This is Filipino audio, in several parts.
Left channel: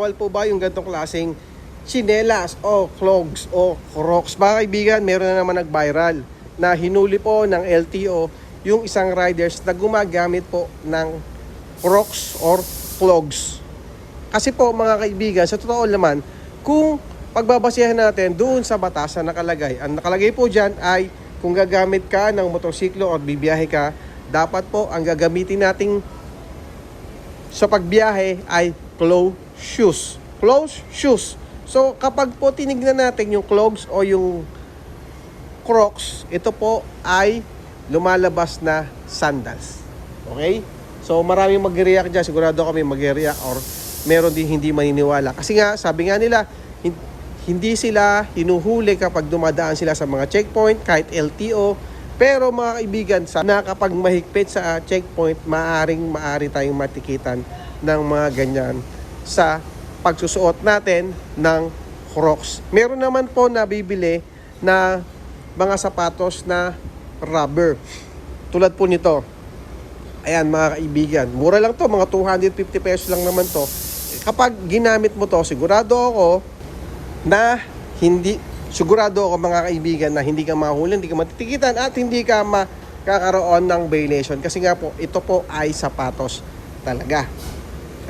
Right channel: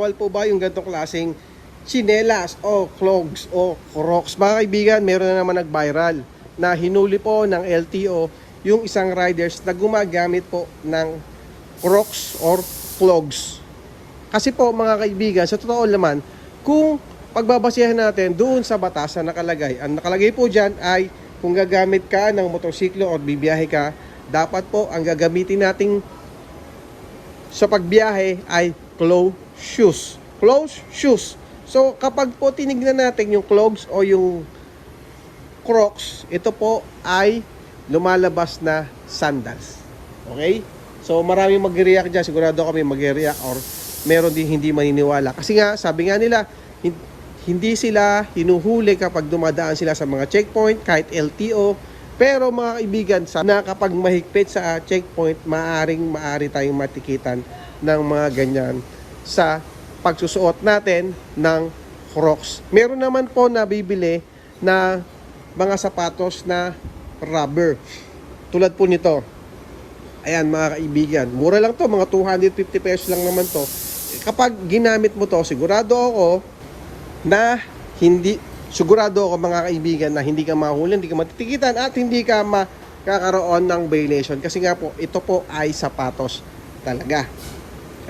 bawal po ba yung ganitong klaseng tsinelas o clogs o crocs? Mga kaibigan, meron na naman nag-viral na hinuli po ng LTO yung isang riders na gumagamit po ng crocs or clogs. Kasi po mga kaibigan, sa totoo naman, kung pagbabasihan natin doon sa batas na nakalagay, ang nakalagay po dyan ay kung gagamit ka ng motorsiklo o bibiyahe ka, dapat po ang gagamitin nating sa pagbiyahe ay closed shoes. Closed shoes. So kapag po tinignan natin yung clogs o yung crocs, ito po ay lumalabas na sandals. Okay? So maraming mag-react dyan. Sigurado kami mag-react or meron din hindi maniniwala. Kasi nga, sabi nga nila, hindi sila hinuhuli kapag dumadaan sila sa mga checkpoint, kahit LTO. Pero mga kaibigan, na kapag mahigpit sa checkpoint, maaari tayong matikitan ng mga ganyan sa pagsusuot natin ng crocs. Meron naman po na bibili na mga sapatos na rubber. Tulad po nito. Ayan mga kaibigan, mura lang to, mga 250 pesos lang naman to. Kapag ginamit mo to, sigurado ako mga kaibigan na hindi ka mahuli, hindi ka matitikitan at hindi ka makakaroon ng violation. Kasi nga po, ito po ay sapatos talaga.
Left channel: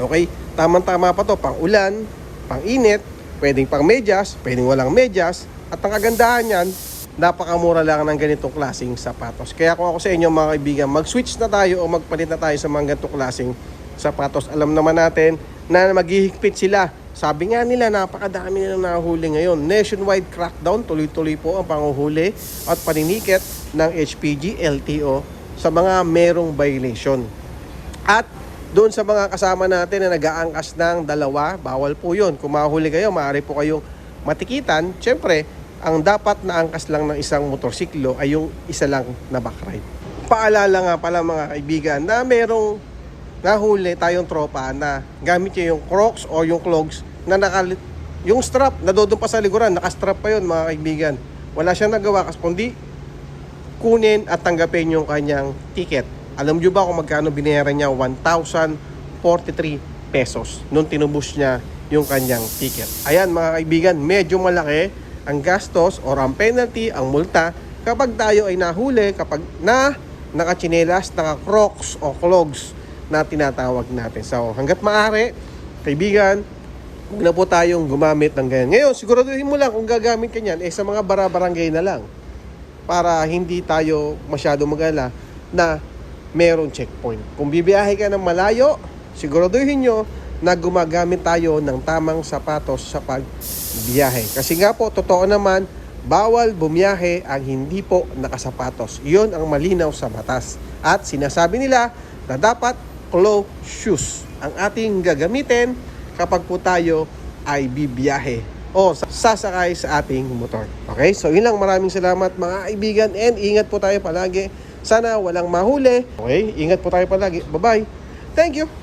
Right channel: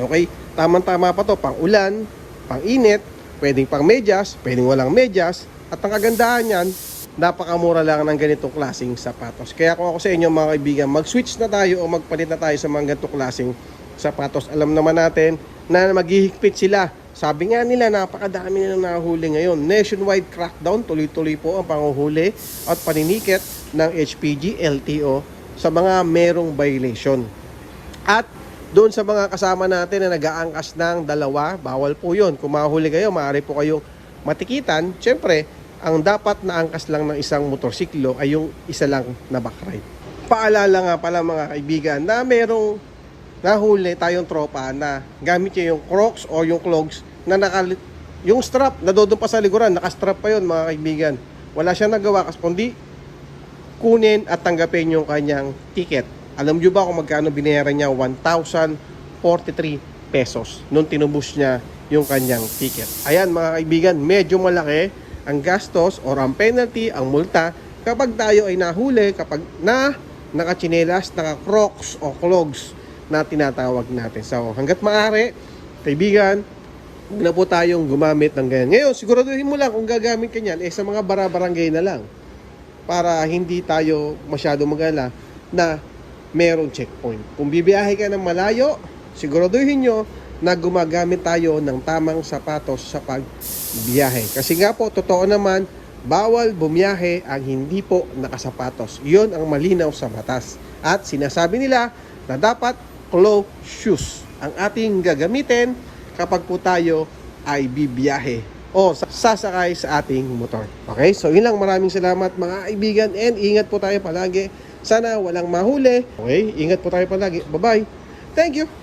Okay? Tamang-tama pa to, pang ulan, pang init, pwedeng pang medyas, pwedeng walang medyas. At ang kagandahan yan, napakamura lang ng ganitong klaseng sapatos. Kaya kung ako sa inyo mga kaibigan, mag-switch na tayo o magpalit na tayo sa mga ganitong klaseng sapatos. Alam naman natin na maghihigpit sila. Sabi nga nila, napakadami nilang nahuli ngayon. Nationwide crackdown, tuloy-tuloy po ang panguhuli at paninikit ng HPG, LTO sa mga merong violation. At doon sa mga kasama natin na nag-aangkas ng dalawa, bawal po yun. Kung mahuli kayo, maaari po kayong matikitan. Siyempre, ang dapat na angkas lang ng isang motorsiklo ay yung isa lang na backride. Paalala nga pala mga kaibigan na merong nahuli tayong tropa na gamit niya yung crocs o yung clogs na yung strap na doon pa sa likuran, nakastrap pa yun mga kaibigan. Wala siyang nagawa kasi kundi kunin at tanggapin yung kanyang ticket. Alam niyo ba kung magkano binayaran niya? 1,043 pesos nung tinubos niya yung kanyang ticket. Ayan mga kaibigan, medyo malaki ang gastos or ang penalty, ang multa kapag tayo ay nahuli, kapag nakachinelas, naka-crocs o clogs na tinatawag natin. So hanggat maaari, kaibigan, huwag na po tayong gumamit ng ganyan. Ngayon, siguraduhin mo lang kung gagamit ka niyan, sa mga barabarangay na lang para hindi tayo masyado mag-ala na merong checkpoint. Kung bibiyahe ka ng malayo, siguraduhin nyo na gumagamit tayo ng tamang sapatos sa pagbiyahe. Kasi nga po, totoo naman, bawal bumiyahe ang hindi po nakasapatos. Iyon ang malinaw sa batas. At sinasabi nila na dapat closed shoes ang ating gagamitin kapag po tayo ay bibiyahe o sasakay sa ating motor. Okay? So yun lang, maraming salamat mga kaibigan and ingat po tayo palagi. Sana walang mahuli. Okay? Ingat po tayo palagi. Bye-bye. Thank you.